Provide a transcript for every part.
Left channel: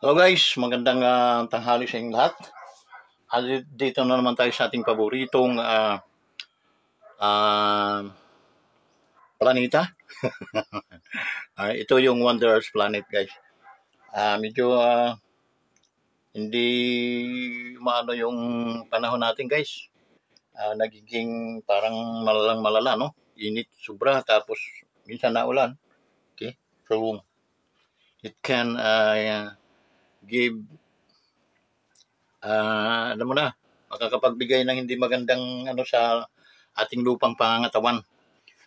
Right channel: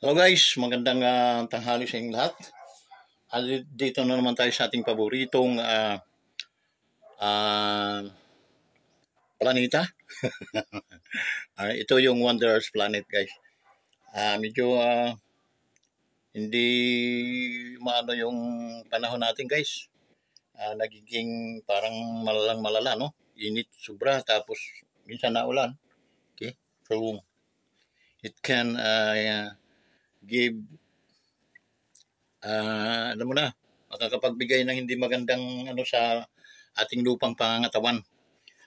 Hello guys, magandang tanghali sa inyong lahat. Dito na naman tayo sa ating paboritong planeta. Ito yung Wanderers Planet guys. Medyo hindi maano yung panahon natin guys. Nagiging parang malalang malala, no? Init sobra tapos minsan naulan. Okay? So it can give alam mo na, makakapagbigay ng hindi magandang sa ating lupang pangangatawan.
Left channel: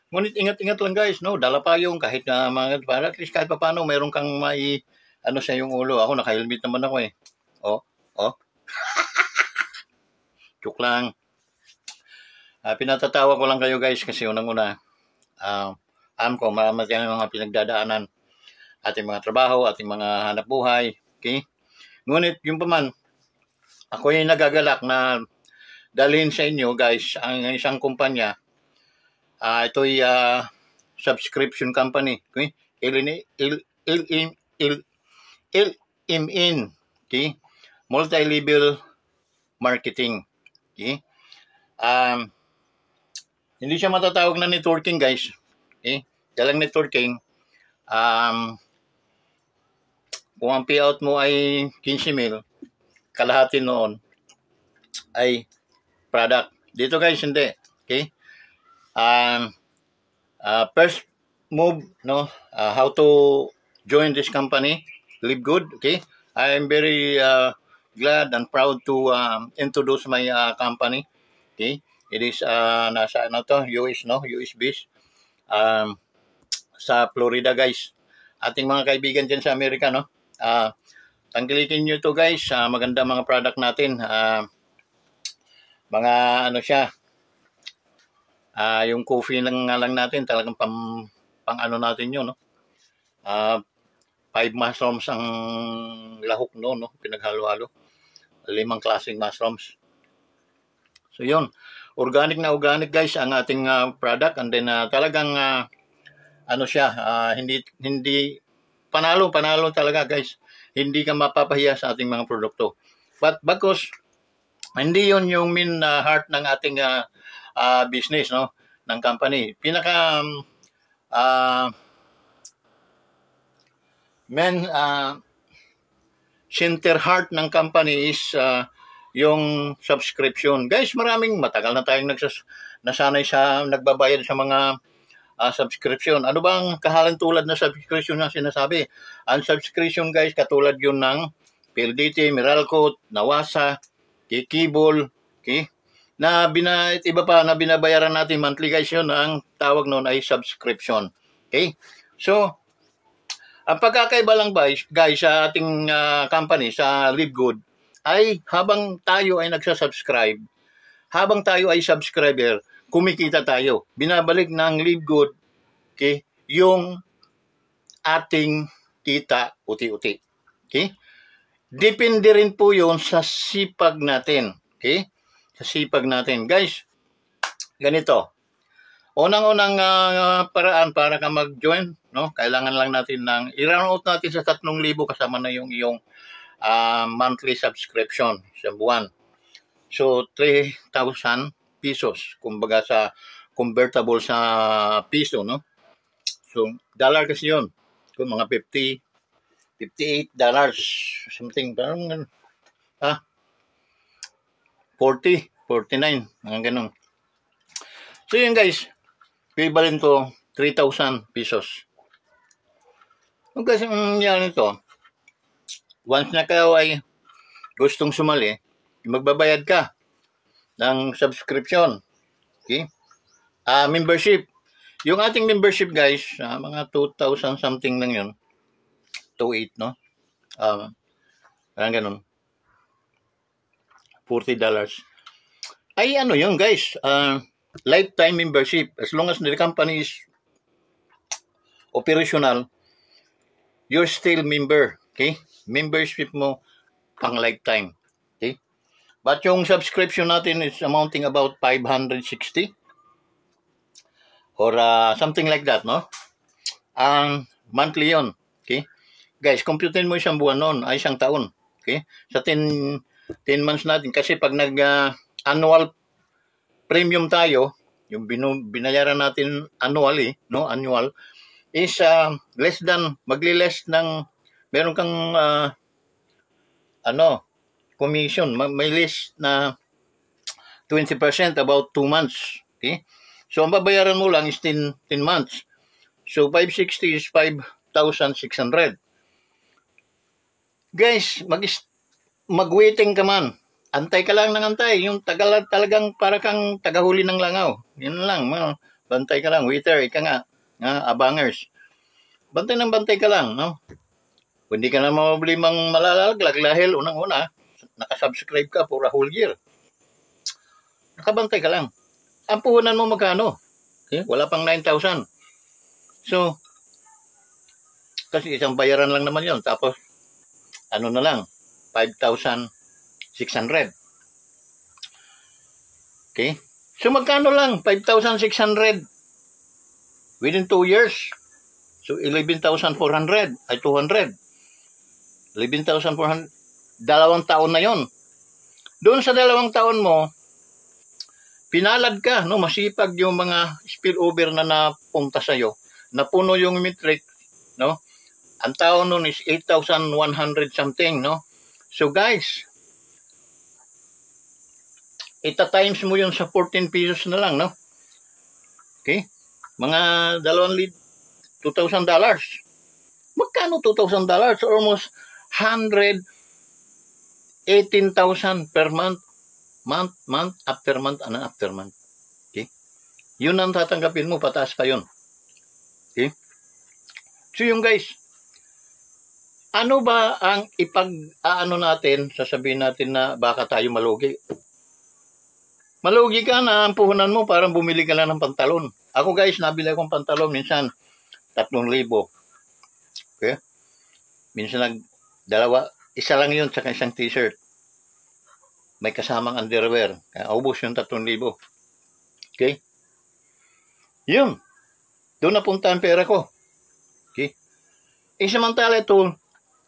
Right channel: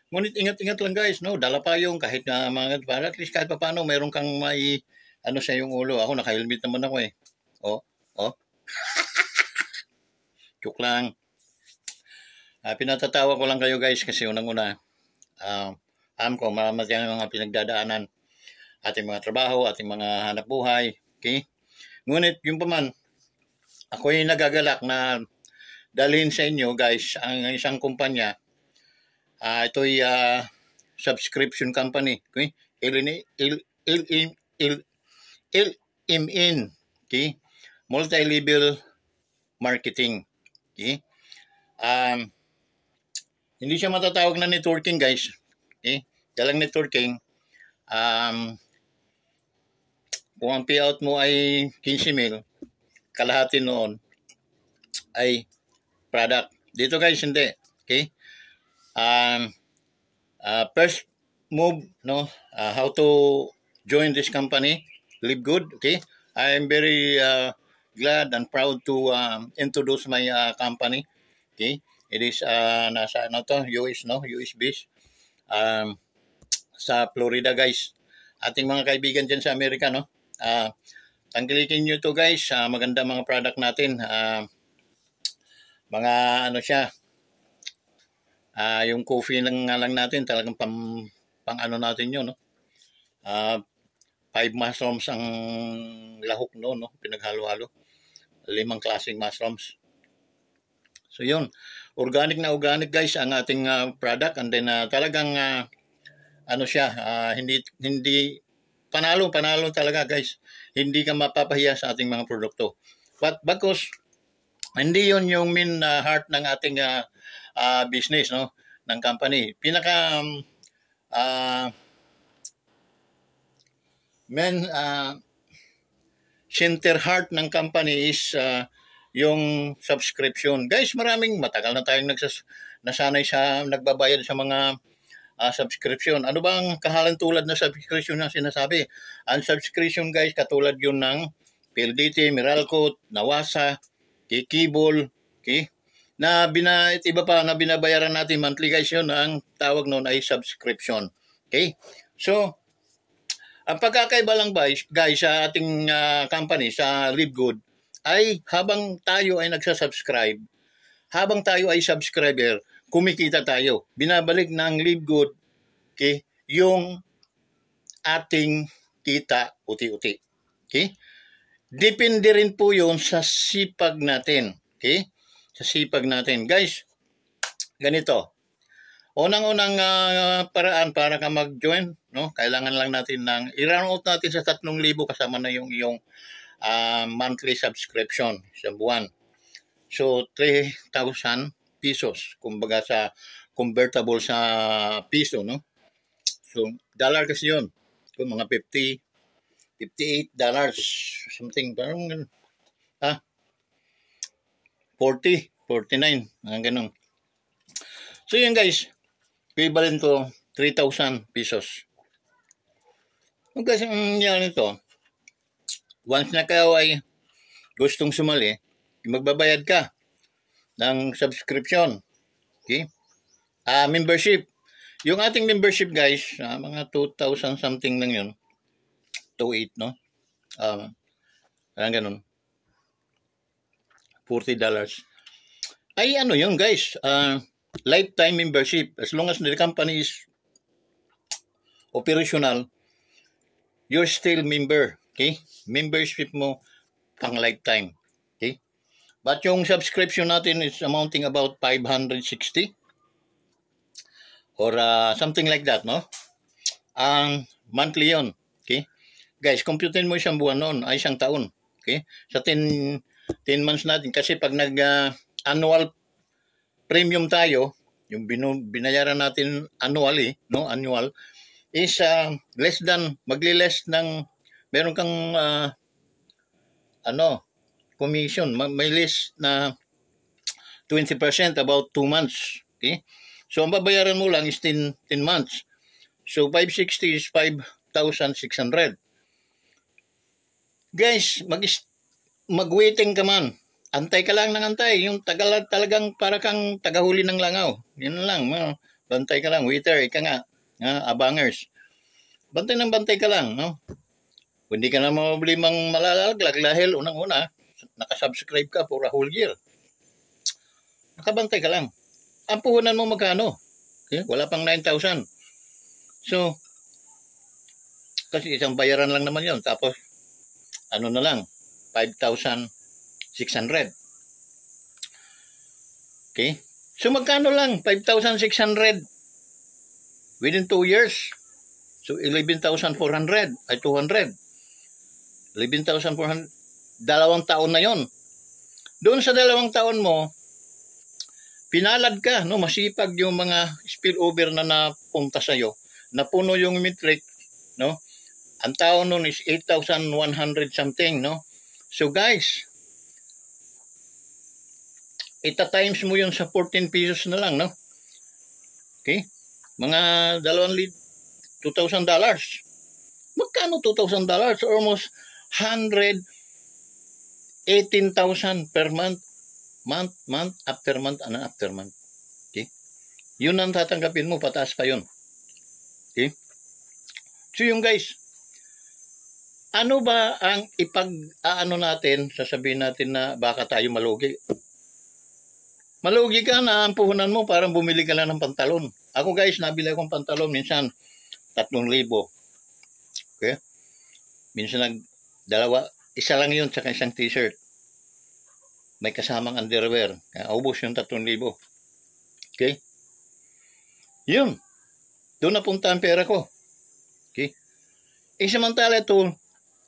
Ngunit ingat-ingat lang guys, no? Dala pa yung kahit na para at least kahit pa paano meron kang may sa yung ulo. Ako naka-helmet naman ako eh. Oh. Joke lang. Pinatatawa ko lang kayo guys kasi unang-una alam ko marami yung mga pinagdadaanan, ating mga trabaho, ating mga hanap buhay. Okay? Ngunit yung paman, ako yung nagagalak na dalhin sa inyo guys ang isang kumpanya. Ito'y subscription company. Okay? LMN. Okay? Multi-level marketing. Okay? Hindi siya matatawag na networking guys. Okay? Dalang networking, kung ang payout mo ay 15,000, kalahati noon ay product. Dito guys, hindi. Okay? First move, no? How to join this company, Live Good. Okay? I am very glad and proud to introduce my company. Okay? It is nasa US, no? US based. Sa Florida guys. Ating mga kaibigan dyan sa Amerika, no? Tangkilikin nyo to guys. Maganda mga product natin. Mga siya. Yung coffee lang natin. Talagang pang natin yun, no? 5 mushrooms ang lahok no? Pinaghalo-halo. 5 klaseng mushrooms. So yun. Organic na organic guys ang ating product. And then talagang siya. Hindi panalo talaga guys. Hindi ka mapapahiya sa ating mga produkto. But bagkus, hindi yun yung main heart ng ating business, no? Ng company. Pinaka main center heart ng company is yung subscription. Guys, matagal na tayong nasanay sa nagbabayad sa mga subscription. Ano bang kahalang tulad na subscription na sinasabi? Ang subscription guys, katulad yun ng PLDT, Meralco, Nawasa, Kibol, okay? Iba pa na binabayaran natin monthly guys, yun ang tawag noon ay subscription. Okay? So, ang pagkakaiba lang guys sa ating company, sa Live Good, ay habang tayo ay nagsasubscribe, habang tayo ay subscriber, kumikita tayo. Binabalik ng Live Good, okay, yung ating kita uti-uti. Okay? Depende rin po yun sa sipag natin. Okay? Sa sipag natin. Guys, ganito. Unang-unang paraan para ka mag-join, no? Kailangan lang natin i-round out natin sa 3,000 kasama na yung iyong monthly subscription sa buwan. So, 3,000 pesos. Kumbaga sa convertible sa piso, no? So, dollar kasi yun. Kung mga $58, something, parang 40, 49, mga ganun. So, yun guys, equivalent to 3,000 pesos. Kung kasi yan ito, once na kayo ay gustong sumali, magbabayad ka ng subscription. Okay? Membership. Yung ating membership guys, mga 2,000 something lang yun. 2,800, no? Ganun. $40. Ay yun guys, lifetime membership. As long as the company is operational, you're still member. Okay? Membership mo pang lifetime. Okay? But yung subscription natin is amounting about 560 or something like that, no? Monthly yun. Okay? Guys, computin mo isang buwan noon, ay isang taon. Okay? Sa 10 months natin, kasi pag nag-annual premium tayo, yung binayaran natin annually, no, annual, is less than, magli-less ng, meron kang, commission, may less na 20% about 2 months. Okay? So, ang babayaran mo lang is 10 months. So, 560 is 5,600. Guys, mag-waiting ka man. Antay ka lang ng antay. Yung talagang para kang tagahuli ng langaw. Yun lang. Bantay ka lang. Waiter, ika nga. Abangers. Bantay ka lang. No? Hindi ka na mabili mang malalaglag dahil unang-una, nakasubscribe ka for a whole year. Nakabantay ka lang. Ang puhunan mo magkano? Okay? Wala pang 9,000. So, kasi isang bayaran lang naman yun. Tapos, ano na lang, 5,600. Okay? So, magkano lang? 5,600 within 2 years. So, 11,400 ay 200. 11,400. 2 taon na yon. Doon sa 2 taon mo, pinalad ka, no? Masipag yung mga spillover na napunta sa'yo. Napuno yung metric, no? Ang taon nun is 8,100 something, no? So guys, ita-times mo yun sa 14 pesos na lang, no? Okay? Mga $2,000. Magkano $2,000? Almost 118,000 per month. Month after month. Okay? Yun ang tatanggapin mo, pataas pa yun. Okay? So yung guys, ano ba ang ipag-aano natin, sasabihin natin na baka tayo malugi? Malugi ka na, ang puhunan mo parang bumili ka lang ng pantalon. Ako guys, nabili akong pantalon minsan 3,000. Okay? Minsan isa lang yun sa isang t-shirt. May kasamang underwear. Kaya ubos yung 3,000. Okay? Yun. Doon napunta ang pera ko. Okay? Samantala ito,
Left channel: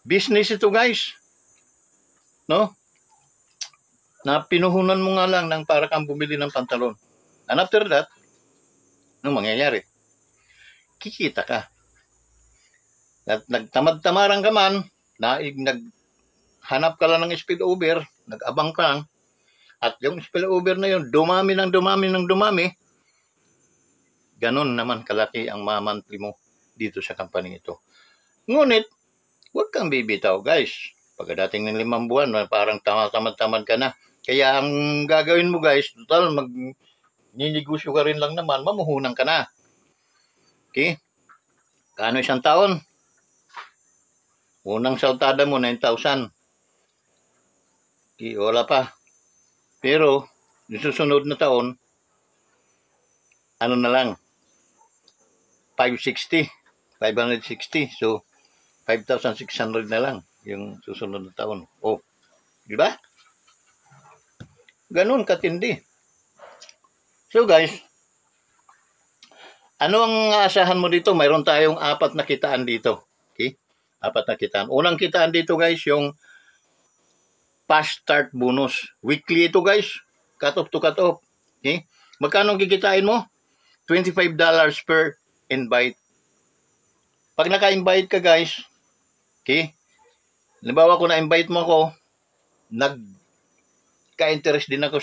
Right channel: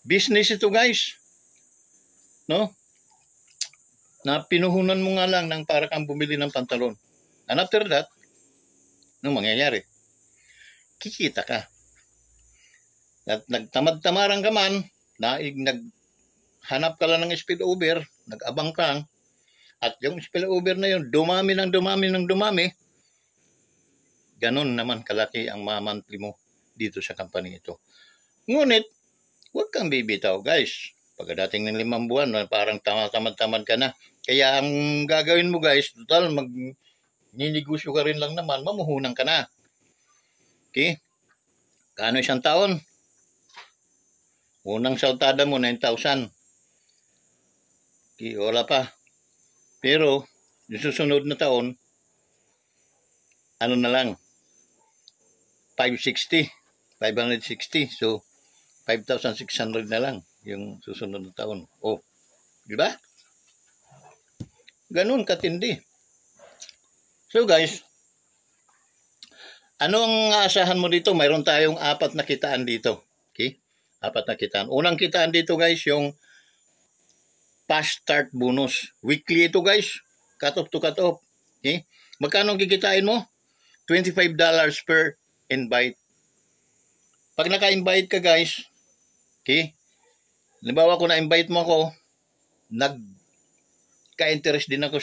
business ito guys. No? Na pinuhunan mo nga lang ng para kang bumili ng pantalon. And after that, ano mangyayari? Kikita ka. At nagtamad-tamaran ka man, naghanap ka lang ng spillover, nag-abang ka, at yung spillover na yun, dumami. Ganon naman kalaki ang monthly mo dito sa company ito. Ngunit, huwag kang bibitaw guys. Pagkadating ng 5 buwan, parang tamad-tamad ka na. Kaya ang gagawin mo guys, total ninegosyo ka rin lang naman, mamuhunan ka na. Okay? Kano isang taon? Unang saltada mo, 9,000. Okay, wala pa. Pero, yung susunod na taon, ano na lang, 560. So, 5,600 na lang yung susunod na taon. Oh, di ba? Ganun katindi. So guys, ano ang aasahan mo dito? Mayroon tayong 4 na kitaan dito. Okay? 4 na kitaan. Unang kitaan dito guys, yung fast start bonus. Weekly ito guys. Cut off to cut off. Okay? Magkano kikitain mo? $25 per invite. Pag naka-invite ka guys, okay? Halimbawa kung na-invite mo ako, nagka-interest din ako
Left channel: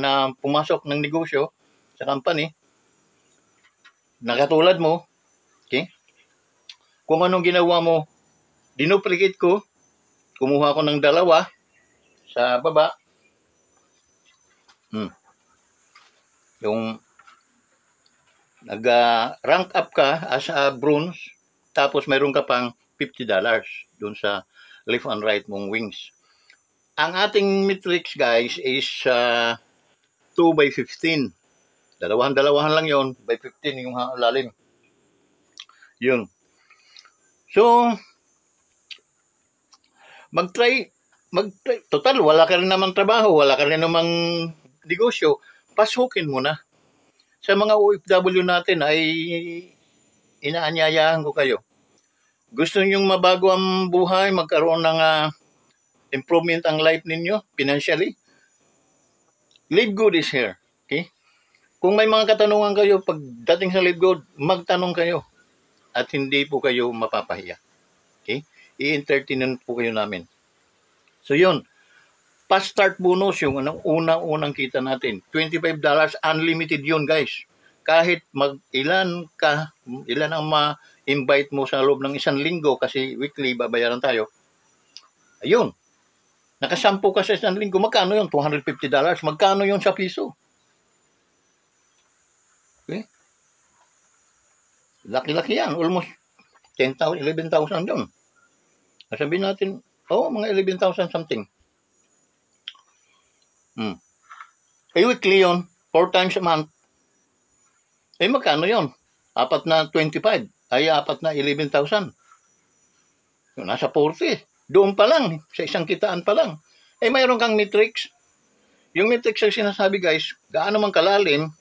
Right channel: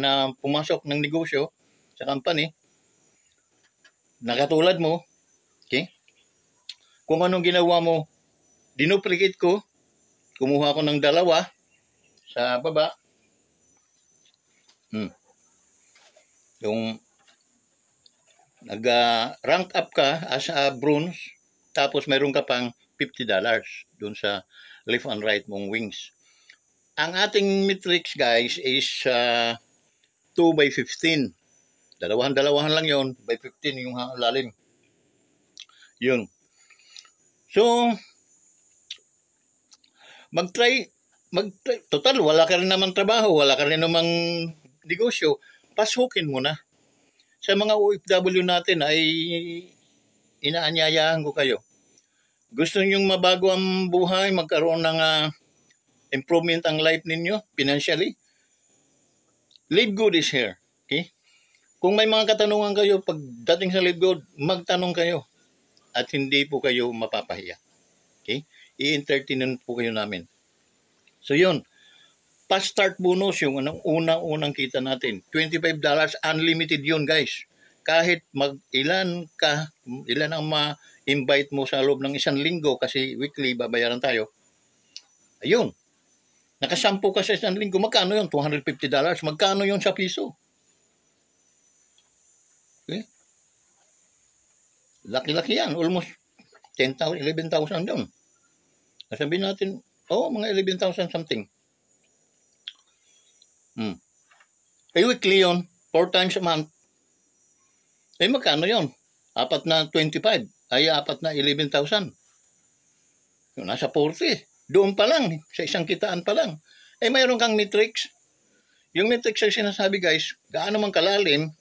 na pumasok ng negosyo sa company. Nakatulad mo, okay? Kung anong ginawa mo, dinuplicate ko, kumuha ko ng 2 sa baba. Yung nag-rank up ka as a bronze, tapos mayroon ka pang $50 doon sa left and right mong wings. Ang ating metrics guys is 2/15. Dalawahan lang yon, by 15 yung lalim. Yun. So, mag-try. Total, wala ka rin naman trabaho, wala ka rin namang negosyo. Pasukin mo na. Sa mga OFW natin ay inaanyayahan ko kayo. Gusto niyo mabago ang buhay, magkaroon ng improvement ang life ninyo financially? Live Good is here. Okay? Kung may mga katanungan kayo, pagdating sa Live Good, magtanong kayo. At hindi po kayo mapapahiya. Okay? I-entertain po kayo namin. So yun, fast start bonus yung unang kita natin. $25, unlimited yun guys. Kahit ilan ang ma-invite mo sa loob ng 1 linggo kasi weekly babayaran tayo. Ayun. Nakasampu ka sa 1 linggo. Magkano yun? $250. Magkano yun sa piso? Okay? Laki-laki yan. Almost 10,000, 11,000 yun. Sabihin natin, mga 11,000 something. Weekly yun. 4 times a month. Magkano yun? 4 na 25. Ay 4 na 11,000. Nasa 40. Doon pa lang. Sa isang kitaan pa lang. Mayroon kang matrix. Yung matrix ay sinasabi guys, gaano man kalalim,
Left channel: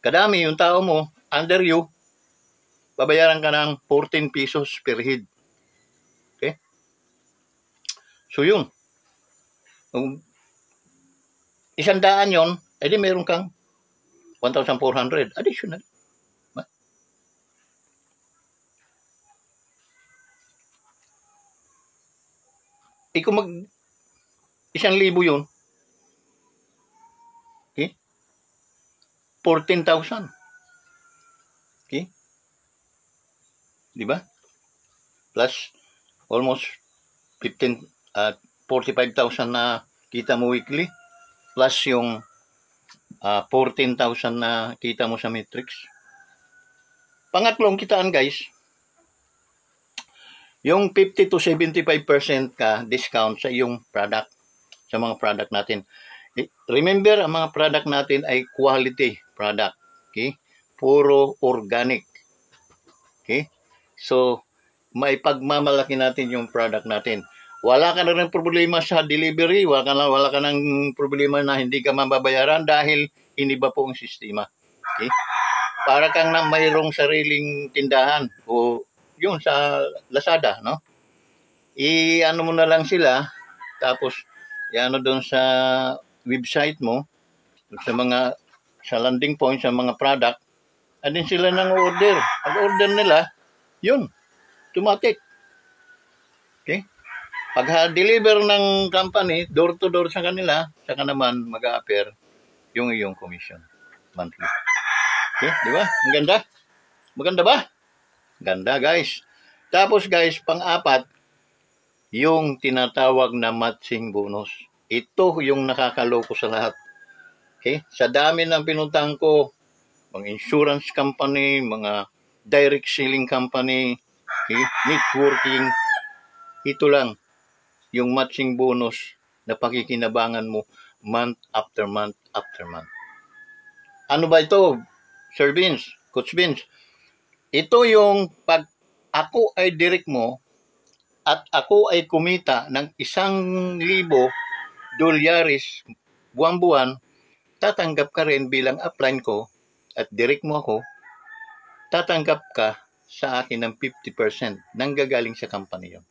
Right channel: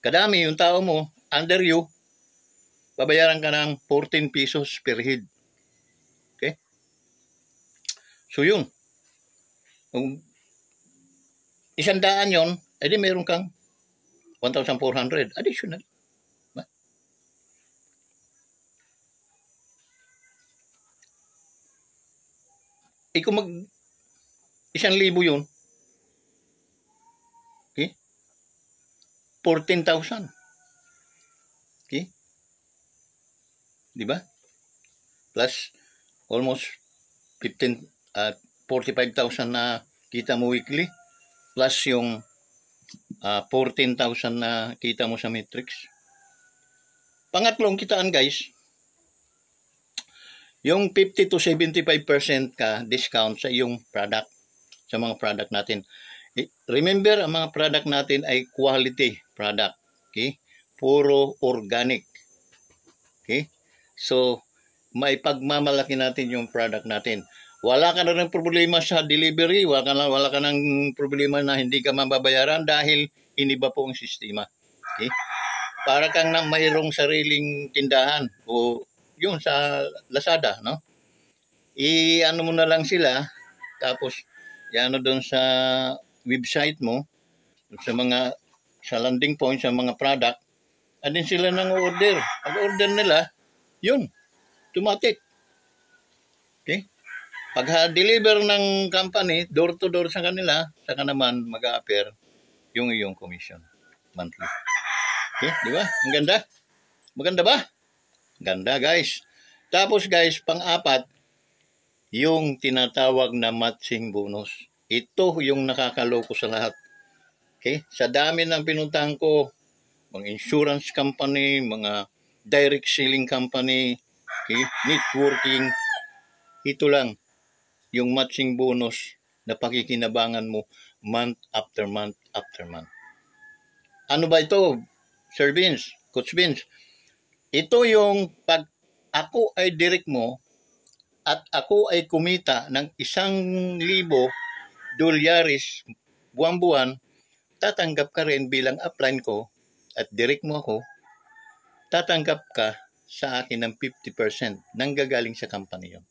kadami yung tao mo, under you, babayaran ka ng 14 pesos per head. Okay? So yun. Kung 100 yun, edi meron kang 1,400 additional. Kung 1,000 yun, okay? 14,000. Okay? Di ba? Plus almost 45,000 na kita mo weekly. Plus yung 14,000 na kita mo sa matrix. Pangatlong kitaan guys, yung 50 to 75% ka discount sa iyong product, sa mga product natin. Remember, ang mga product natin ay quality product. Okay? Puro organic. Okay? So, maipagmamalaki natin yung product natin. Wala ka na rin problema sa delivery, wala ka nang problema na hindi ka mababayaran dahil iniba po ang sistema. Okay? Para kang na mayroong sariling tindahan o yun sa Lazada, no? I-ano mo na lang sila, tapos i-ano doon sa website mo, sa landing point, sa mga product, at din sila nang order. Pag-order nila, yun, automatic. Okay? Pag-deliver ng company, door to door sa kanila, saka naman mag-a-appear yung iyong commission monthly. Okay? Di ba? Ang ganda? Maganda ba? Ganda guys. Tapos guys, pang-apat, yung tinatawag na matching bonus. Ito yung nakakaloko sa lahat. Okay? Sa dami ng pinuntahan ko, mga insurance company, mga direct selling company, okay? Networking, ito lang yung matching bonus na pakikinabangan mo month after month after month. Ano ba ito, Sir Vince, Coach Vince? Ito yung pag ako ay direct mo at ako ay kumita ng $1,000 buwan-buwan, tatanggap ka rin bilang upline ko at direct mo ako, tatanggap ka sa akin ng 50% nang gagaling sa company yun.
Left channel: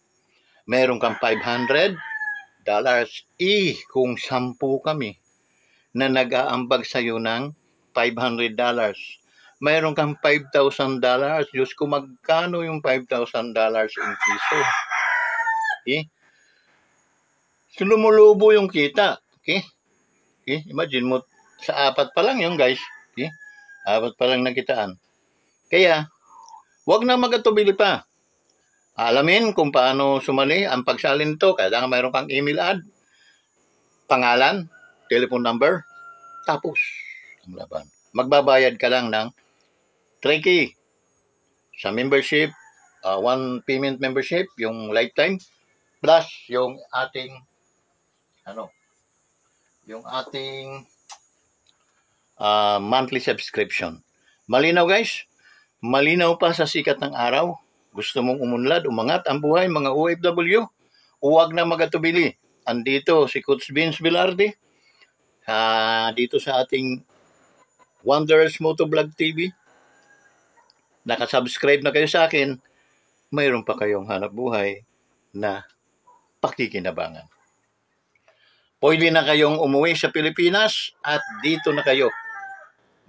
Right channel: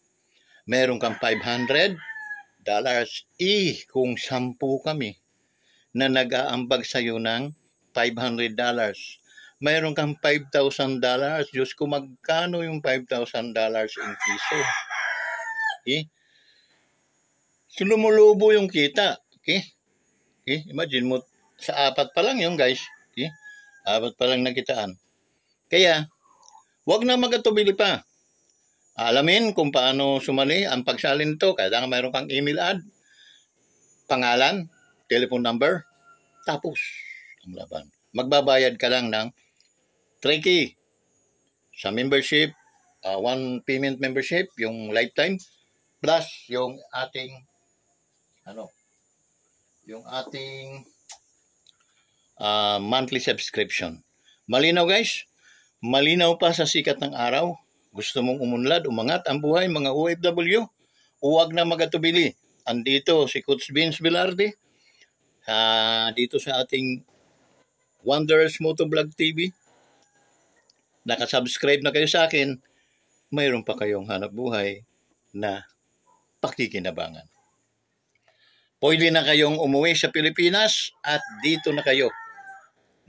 Meron kang $500, kung 10 kami na nag-aambag sa'yo ng $500. Mayroon kang $5,000. Diyos ko, magkano yung $5,000 in piso? Okay? So, lumulubo yung kita. Okay? Okay? Imagine mo, sa 4 pa lang yun, guys. Okay? 4 pa lang nakitaan. Kaya, wag na magatubili pa. Alamin kung paano sumali ang pagsalin nito. Kailangan mayroon kang email ad, pangalan, telephone number, tapos ang laban. Magbabayad ka lang ng 3K sa membership, 1 payment membership, yung lifetime, plus yung ating monthly subscription. Malinaw guys? Malinaw pa sa sikat ng araw. Gusto mong umunlad, umangat ang buhay, mga OFW? Huwag na magatubili. Andito si Coach Vince Velarde, dito sa ating Wanderers Motovlog TV. Nakasubscribe na kayo sa akin. mayroon pa kayong hanap buhay na pakikinabangan. Pwede na kayong umuwi sa Pilipinas at dito na kayo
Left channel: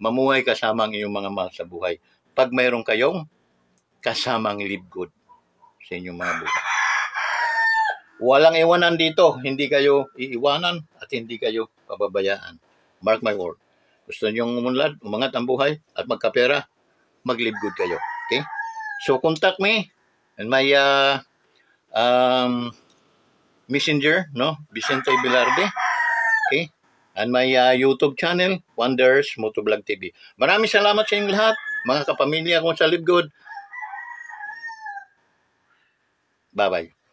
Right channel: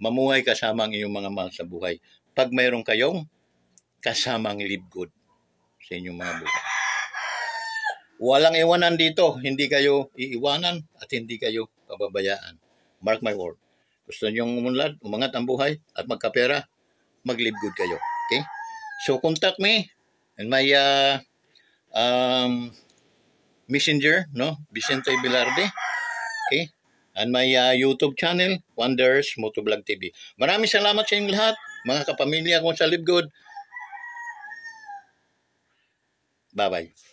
mamuhay kasama ang iyong mga mahal sa buhay. Pag mayroon kayong kasamang live good sa inyong mga buhay. Walang iwanan dito. Hindi kayo iiwanan at hindi kayo pababayaan. Mark my word. Gusto niyong umangat ang buhay at magkapera, mag-live good kayo. Okay? So contact me and my messenger, no? Vicente Velarde. Okay? And my YouTube channel, Wonders Motovlog TV. Maraming salamat sa inyong lahat, mga kapamilya kong sa Live Good. Bye-bye.